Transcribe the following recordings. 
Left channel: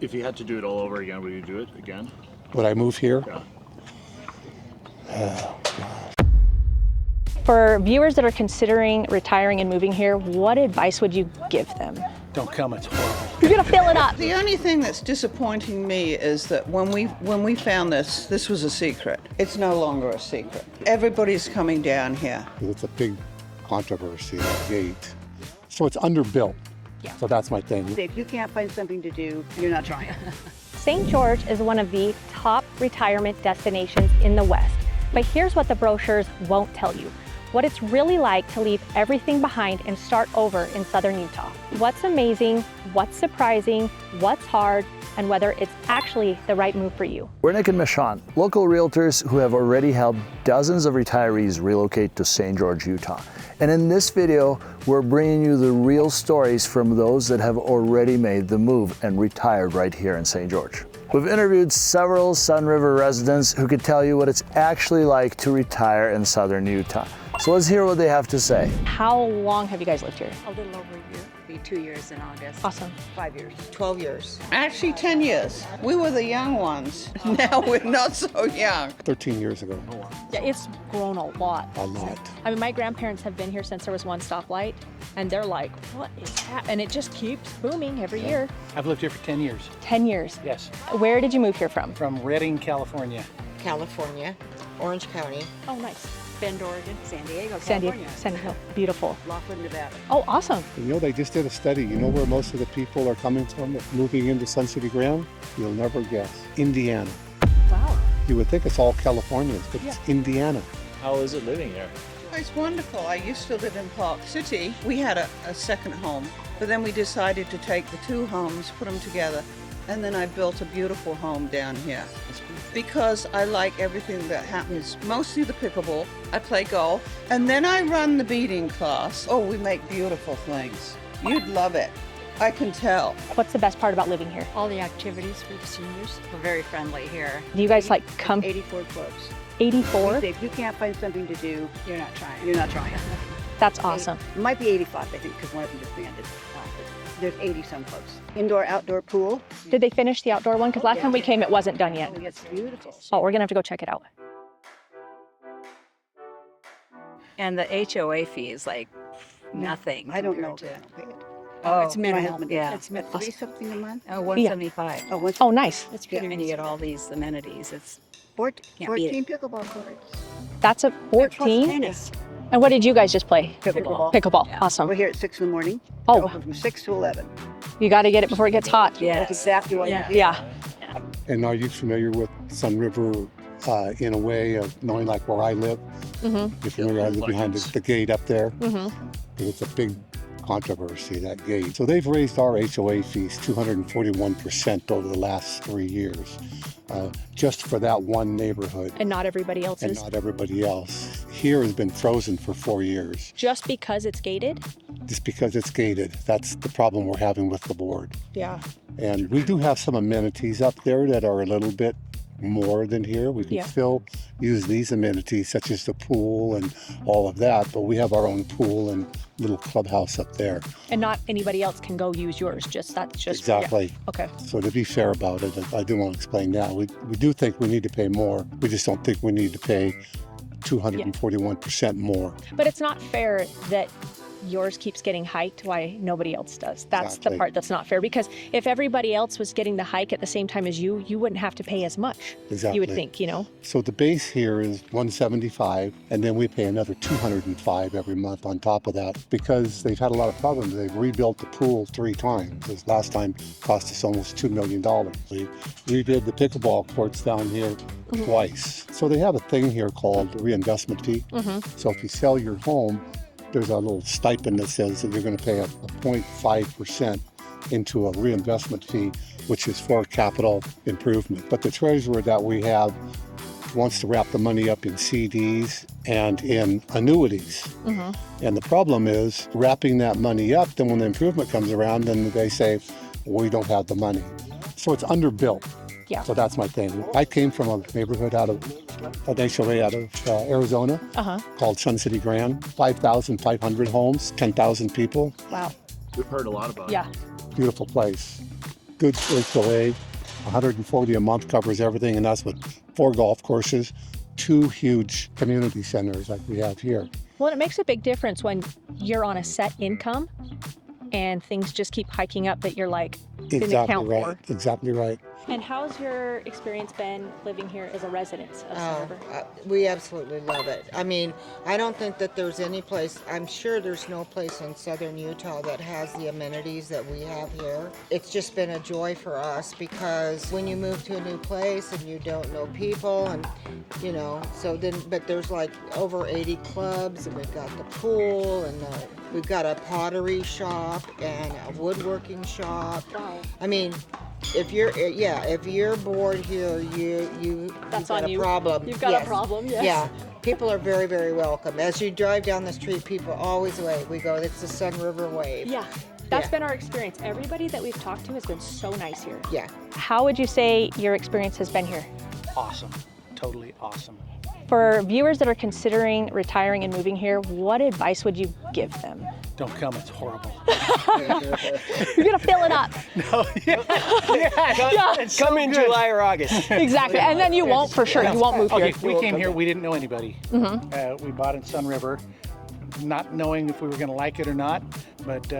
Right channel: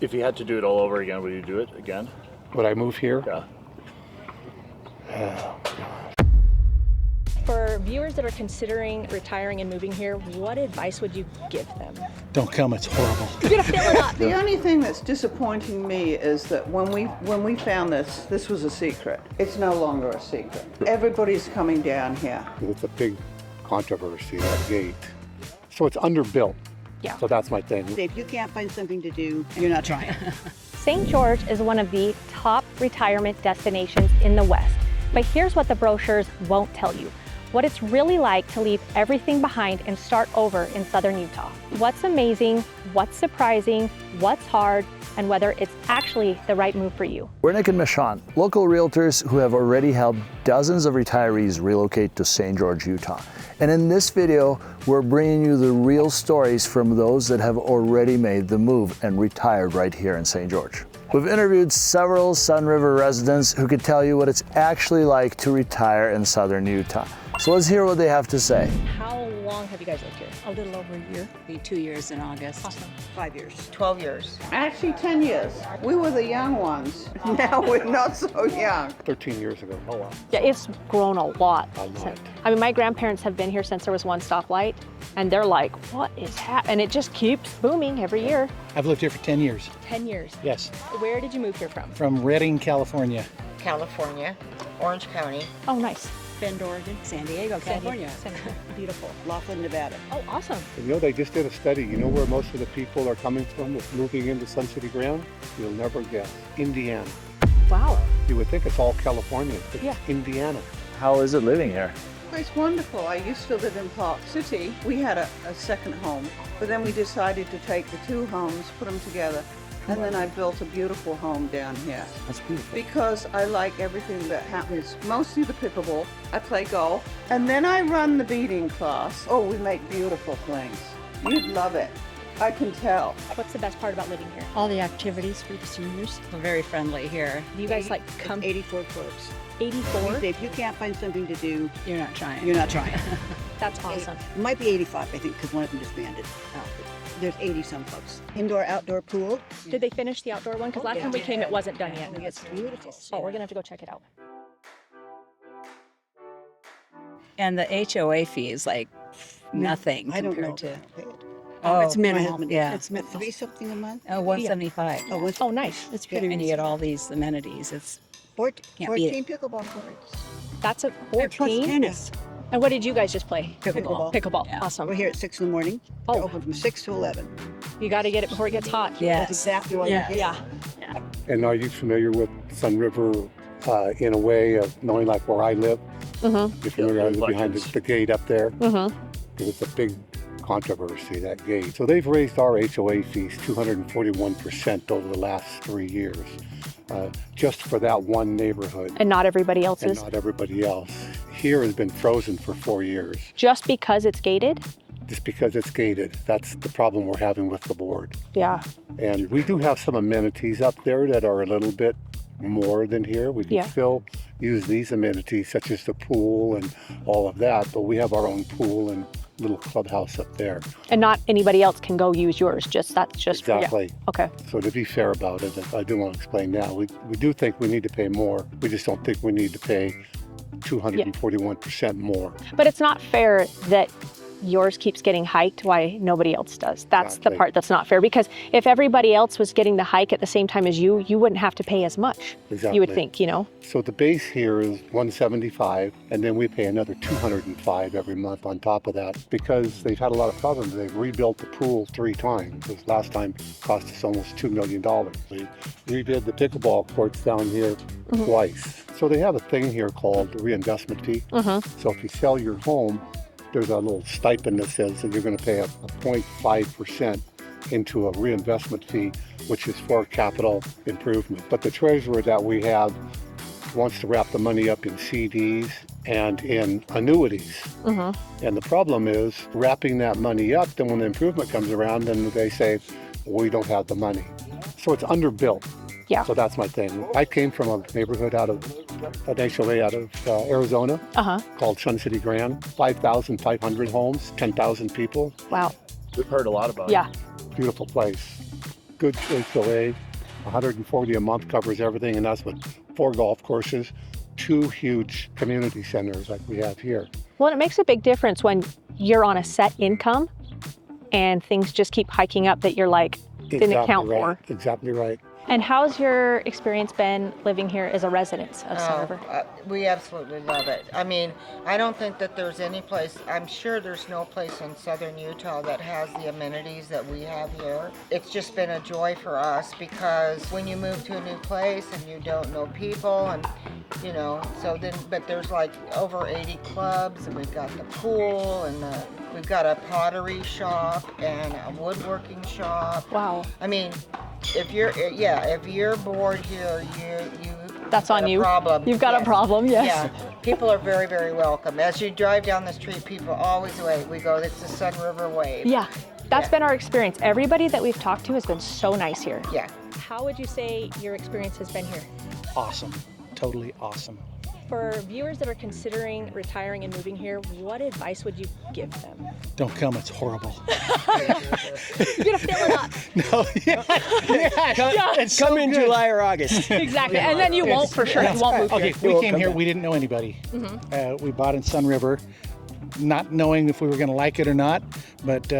If you had to do it all over again, would you do it again? Would I move here? Yeah. For viewers that are considering retiring and moving here, what advice would you give them? Don't come, it's horrible. You're gonna fill it up. The only thing that's disappointing me is that when we found this was a secret. It's no longer a secret. Everybody's coming down here. It's a big controversy, the gate. So it's underbuilt. Yeah. So that's my thing. If you can't find something to do, you're not trying. St. George is one of the top retirement destinations in the West. But here's what the brochures won't tell you. What it's really like to leave everything behind and start over in southern Utah. What's amazing, what's surprising, what's hard, and whether it's actually the right move for you. We're Nick and Michonne, local realtors who have already helped dozens of retirees relocate to St. George, Utah. And in this video, we're bringing you the real stories from those that have already made the move and retired right here in St. George. We've interviewed several Sun River residents who could tell you what it's actually like to retire in southern Utah. So let's hear what they have to say. How long have you guys lived here? A little over a year. Be 2 years in August. Awesome. 5 years. 12 years. Actually, 10 years. We were the young ones. Now we're not so young. 13 years ago. Oh, wow. Yeah, it's grown a lot. A lot. I mean, my grandparents have been here since there was one stoplight, and they're like, what is happening? And it just keeps booming every year. I've lived here for 10 years. 10 years. Yes. Where did you move here from? From Redding, California. California, Orange County, Oh, nice. Bend, Oregon, San Diego, San California. Diego. Beautiful. Laughlin, Nevada. Oh, awesome. You know, they just did a study. You know where most of the people are coming from moving into Sun City Ground? You'll never guess. Indiana. Wow. You would think it's all California, but it's Indiana. How is it living here? It's wonderful. I used to live in Park City. We had a second home, but then we decided to take the two homes, put them together, and then I built a beautiful home down here. That's beautiful. Because I like everything that happens. Mostly the pickleball. I play golf. And then I run the beading class. Oh, we make beautiful things. You'd love it. I can tell. What's the best part about living here? All the activities for the seniors. They're very friendly here. Do you guys like come 84 clubs. 84? If you can't find something to do, You're not trying. you're not trying. That's awesome. It might be 85, I think, because one of them disbanded. There's 80 some clubs. Indoor, outdoor pool. Did they finish the outdoor one? Because last time we came, it wasn't done yet. It's beautiful. Oh, we're gonna have to go check it out. And the HOA fee is like nothing I don't know. compared to. Oh, Oh, it's minimal. yeah. It's minimal. Pay something a month? Oh, 175. Oh, what's Oh, nice. it's And beautiful. you get all these amenities. It's 14 pickleball courts. That's a Plus 14. tennis. And what did you guys just play? Pickleball. Pickleball. Yeah. We're Awesome. here at 6 in the morning. Oh. Open from 6 to 11. You got to get it before it gets hot. That's yes. exactly what Yeah. Yeah. And are you familiar with Sun River in a way of knowing like where I live? Mm-hmm. You're familiar with behind the gate up there? Mm-hmm. And it's a big controversy, that gate. So they've raised our HOA fees 241% over the last 3 years, just for that one neighborhood. And not everybody And else's. not everybody else. Here has been frozen for 4 years, Just because it's gated? just because it's gated. That's the problem we're having with the board. Yeah. And we do have some amenities up there that are a little bit more than here. We can Yeah. still use these amenities such as the pool and all of that, but we have our own pool and little clubhouse up there. And not anybody else can go use yours. That's just for you. Exactly. Okay. So to be fair about it, I do want to explain now, we do think we need to pay more. We just don't think we need to pay 241% more. But it's not fair that yours keeps getting hiked while nobody else does. That's the Exactly. part that's not fair, because if everybody else was getting the hike at the same time as you wouldn't have to pay as much. Exactly. You would think, you know? So the base here is 175, and then we pay another 205 every month on top of that because they've had a lot of problems. They've rebuilt the pool 3 times. This last time cost us almost $2 million. They redid the pickleball courts down here twice. So they have a thing here called reinvestment fee. So if you sell your home, there's a little stipend that says that you're going to pay a 0.5% into a reinvestment fee, which is for capital improvement. But the treasurer that we have wants to wrap the money up in CDs and in annuities. And the problem is wrapping that money up, then when the improvement comes around, then they say, we don't have the money. So it's underbuilt. Yeah. So that's my thing. I came from a neighborhood out of an HOA out of Arizona called Sun City Grand. 5,500 homes, 10,000 people. Wow. We've heard a lot about Yeah. it. Beautiful place. good HOA. 140 a month covers everything, and that's with 4 golf courses, 2 huge community centers like we have here. Well, it makes a big difference when you're on a set income and things just keep hiking up that you're like, didn't account for. Exactly right. And how's your experience been living here as a resident of Sun River? We absolutely love it. I mean, I don't think that there's any place, I'm sure there's no place in southern Utah that has the amenities that we have here. It's just been a joy for us because when you move to a new place and you don't know people and, you know, so then, but there's like over 80 clubs and we've got the pool and we've got a pottery shop and a woodworking shop. Wow. I mean, if you're bored here, That's you've on got you. a problem. You've got a problem, yes. Yeah, people are very, very welcome. As you drive down the street, people always wave. We go, it's the Sun River wave. Yeah, that's Yeah. been our experience. Everybody that we've talked to has been so nice here. Yeah. How would you say your experience has been here? Awesome. Totally awesome. For viewers that are considering retiring and moving here, what advice would you give them? Don't come, it's horrible. You're gonna fill it up. No, it's Come in July or August. Exactly, and then you won't for sure. You won't move here. Okay, we came here, we didn't know anybody. We bought in Sun River, not knowing if we were gonna like it or not, but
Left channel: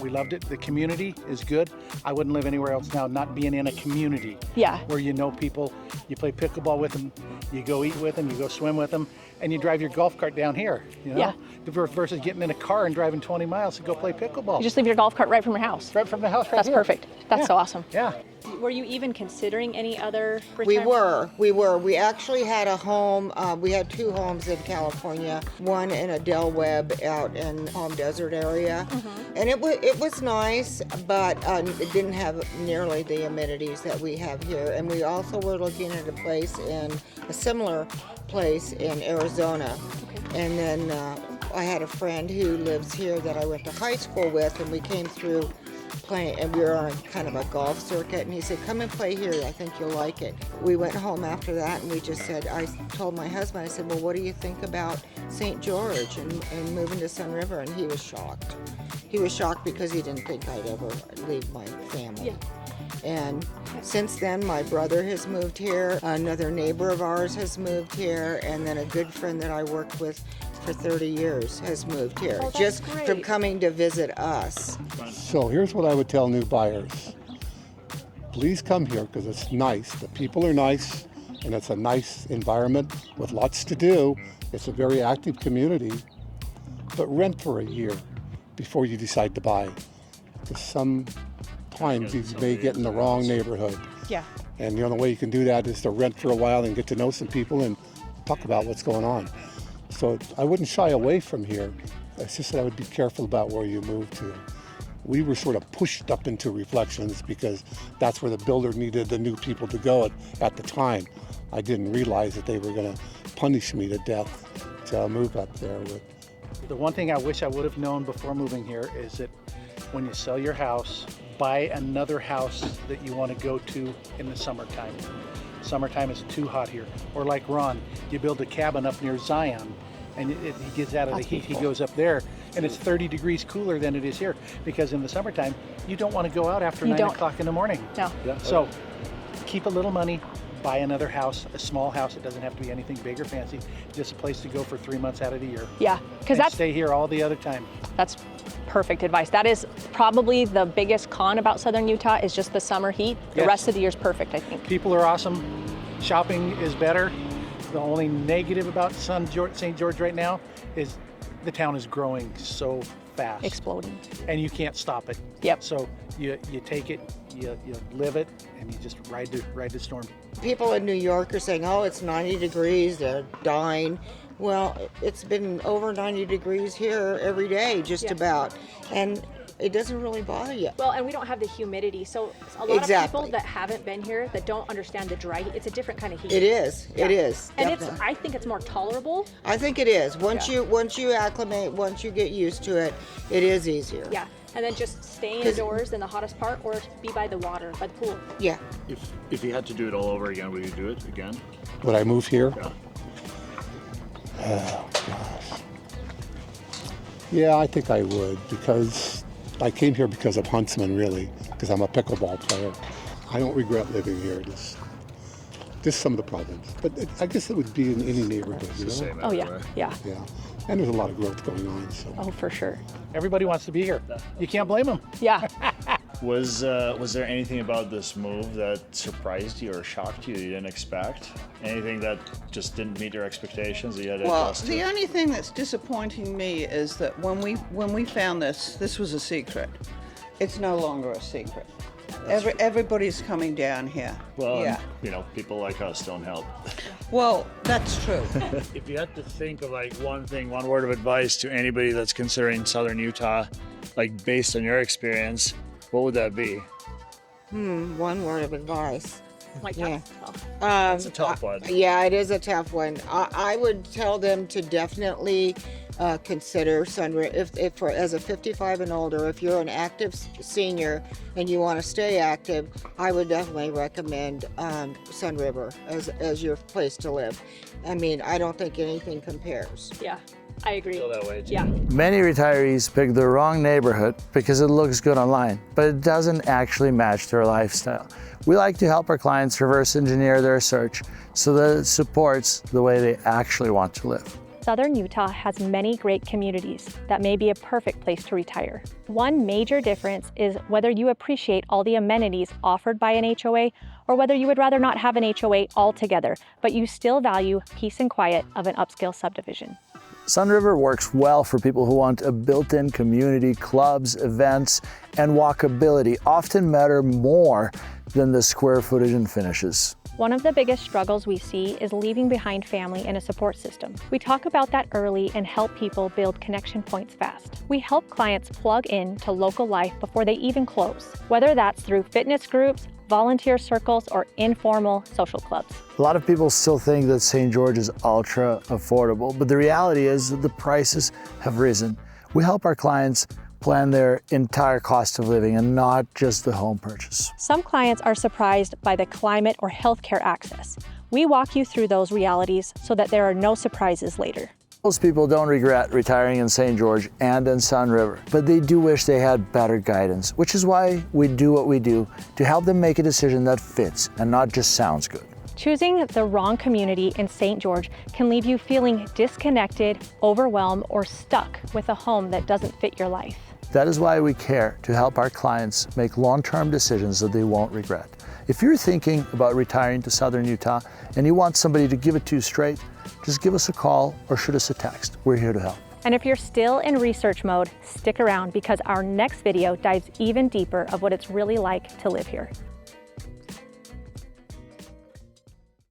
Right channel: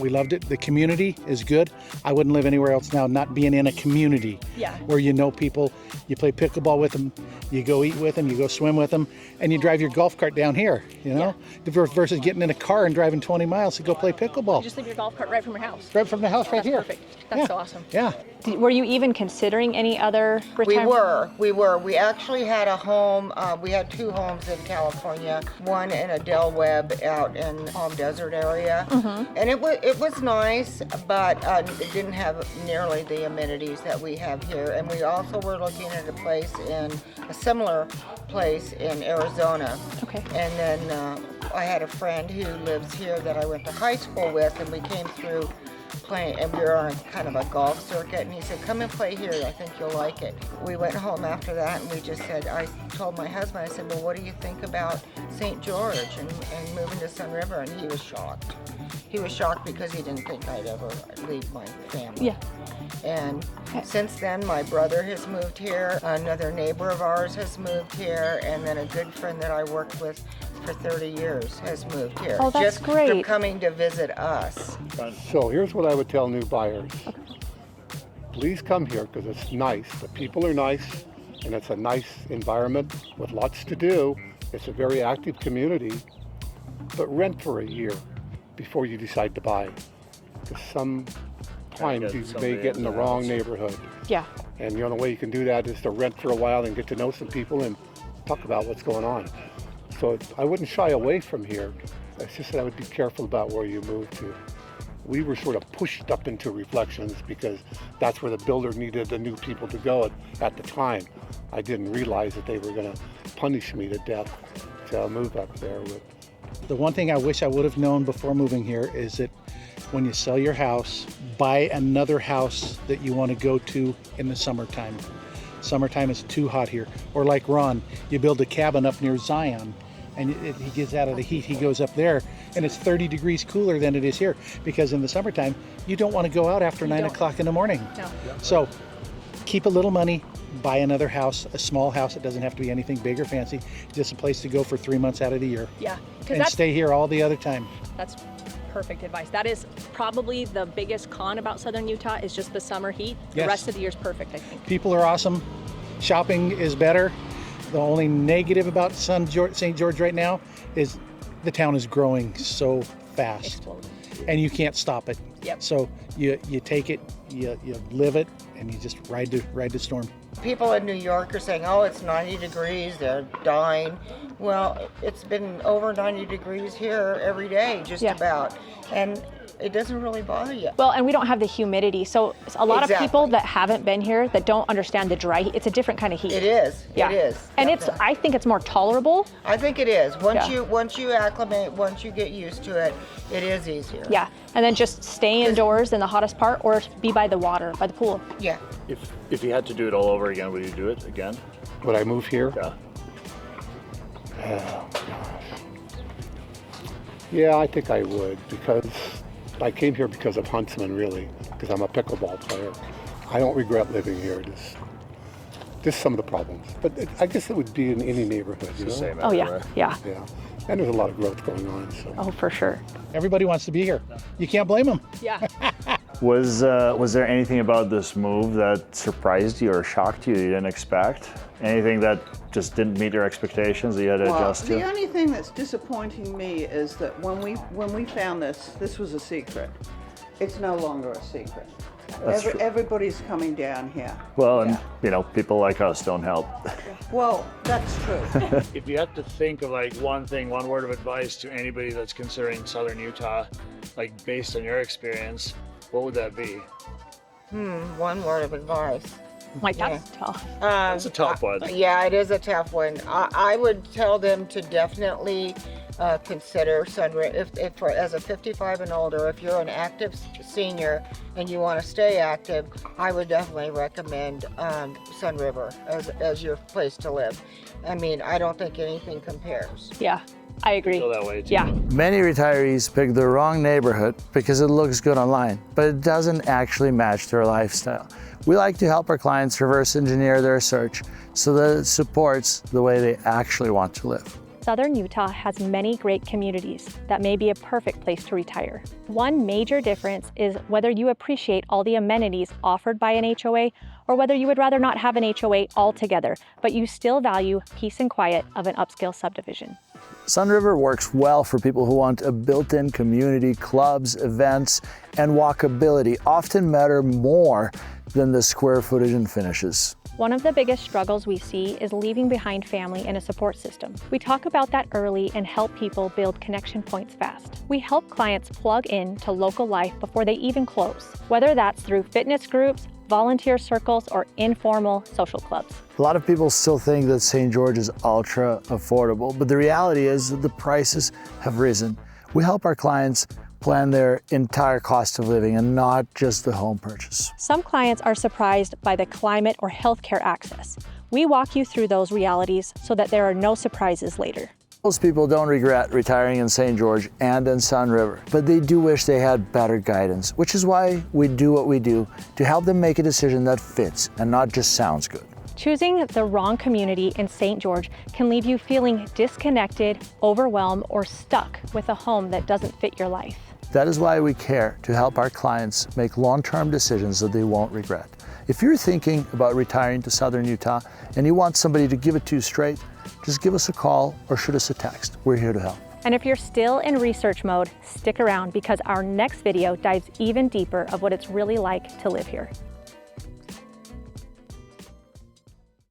we loved it. The community is good. I wouldn't live anywhere else now, not being in a community. Yeah. Where you know people, you play pickleball with them, you go eat with them, you go swim with them, and you drive your golf cart down here, you know? Versus getting in a car and driving 20 miles to go play pickleball. You just leave your golf cart right from your house. Right from the house right That's here. perfect. That's so awesome. Yeah. Were you even considering any other retirement? We were. We actually had a home, we had 2 homes in California, one in a Del Webb out in Palm Desert area. And it was nice, but it didn't have nearly the amenities that we have here. And we also were looking at a similar place in Arizona. Okay. And then I had a friend who lives here that I went to high school with, and we came through playing, and we were on kind of a golf circuit, and he said, come and play here, I think you'll like it. We went home after that, and we just said, I told my husband, I said, well, what do you think about St. George and moving to Sun River? And he was shocked. He was shocked because he didn't think I'd ever leave my family. Yeah. And since then, my brother has moved here, another neighbor of ours has moved here, and then a good friend that I worked with for 30 years has moved here. Oh, that's just great. from coming to visit us. So here's what I would tell new buyers. Please come here because it's nice. The people are nice and it's a nice environment with lots to do. It's a very active community, but rent for a year before you decide to buy. Because sometimes you may get in the wrong neighborhood. Yeah. And the only way you can do that is to rent for a while and get to know some people and talk about what's going on. So I wouldn't shy away from here. It's just that I would be careful about where you move to. We were sort of pushed up into Reflections because that's where the builder needed the new people to go at the time. I didn't realize that they were going to punish me to death to move up there. The one thing I wish I would have known before moving here is that when you sell your house, buy another house that you want to go to in the summertime. Summertime is too hot here. Or like Ron, you build a cabin up near Zion and he gets out of the heat, he goes up there and it's 30 degrees cooler than it is here because in the summertime, you don't want to go out after 9 o'clock in the morning. No. So keep a little money, buy another house, a small house. It doesn't have to be anything big or fancy, just a place to go for 3 months out of the year. Yeah, because And stay here all the other time. that's perfect advice. That is probably the biggest con about southern Utah is just the summer heat. The Yes. rest of the year is perfect, I think. People are awesome. Shopping is better. The only negative about St. George right now is the town is growing so fast. Exploding. And you can't stop it. Yep. So you take it, you live it, and you just ride the storm. People in New York are saying, oh, it's 90 degrees, they're dying. Well, it's been over 90 degrees here every day, just Yeah. about. And it doesn't really bother you. Well, and we don't have the humidity. So a lot of people that haven't been here that don't understand the dry heat, it's a different kind of heat. It is. Yeah. It is. And definitely. I think it's more tolerable. I think it is. Once Yeah. you acclimate, once you get used to it, it is easier. Yeah. And then just stay indoors in the hottest part or be by the water, by the pool. Yeah. If you had to do it all over again, would you do it again? Would I move here? Yeah. Oh, gosh. Yeah, I think I would because I came here because of Huntsman, really, because I'm a pickleball player. I don't regret living here. Just some of the problems. But I guess it would be in any neighborhood, you know? Same Oh, yeah, everywhere. yeah. Yeah. And there's a lot of growth going on. So. Oh, for sure. Everybody wants to be here. You can't blame them. Yeah. Was there anything about this move that surprised you or shocked you didn't expect? Anything that just didn't meet your expectations that you had to Well, adjust to? the only thing that's disappointing me is that when we found this was a secret. It's no longer a secret. Everybody's coming down here. Well, yeah. and, you know, people like us don't help. Well, that's true. If you had to think of like one word of advice to anybody that's considering Southern Utah, like based on your experience, what would that be? One word of advice. My that's tough. It's a tough one. Yeah, it is a tough one. I would tell them to definitely consider Sunriver if as a 55 and older. If you're an active senior and you want to stay active, I would definitely recommend Sunriver as your place to live. I mean, I don't think anything compares. Yeah, I agree. Feel that way too. Yeah. Many retirees pick the wrong neighborhood because it looks good online, but it doesn't actually match their lifestyle. We like to help our clients reverse engineer their search so that it supports the way they actually want to live. Southern Utah has many great communities that may be a perfect place to retire. One major difference is whether you appreciate all the amenities offered by an HOA or whether you would rather not have an HOA altogether, but you still value peace and quiet of an upscale subdivision. Sunriver works well for people who want a built-in community, clubs, events, and walkability often matter more than the square footage and finishes. One of the biggest struggles we see is leaving behind family and a support system. We talk about that early and help people build connection points fast. We help clients plug in to local life before they even close, whether that's through fitness groups, volunteer circles, or informal social clubs. A lot of people still think that St. George is ultra affordable, but the reality is that the prices have risen. We help our clients plan their entire cost of living and not just the home purchase. Some clients are surprised by the climate or healthcare access. We walk you through those realities so that there are no surprises later. Most people don't regret retiring in St. George and in Sunriver, but they do wish they had better guidance, which is why we do what we do to help them make a decision that fits and not just sounds good. Choosing the wrong community in St. George can leave you feeling disconnected, overwhelmed, or stuck with a home that doesn't fit your life. That is why we care to help our clients make long-term decisions that they won't regret. If you're thinking about retiring to Southern Utah and you want somebody to give it to you straight, just give us a call or shoot us a text. We're here to help. And if you're still in research mode, stick around because our next video dives even deeper of what it's really like to live here.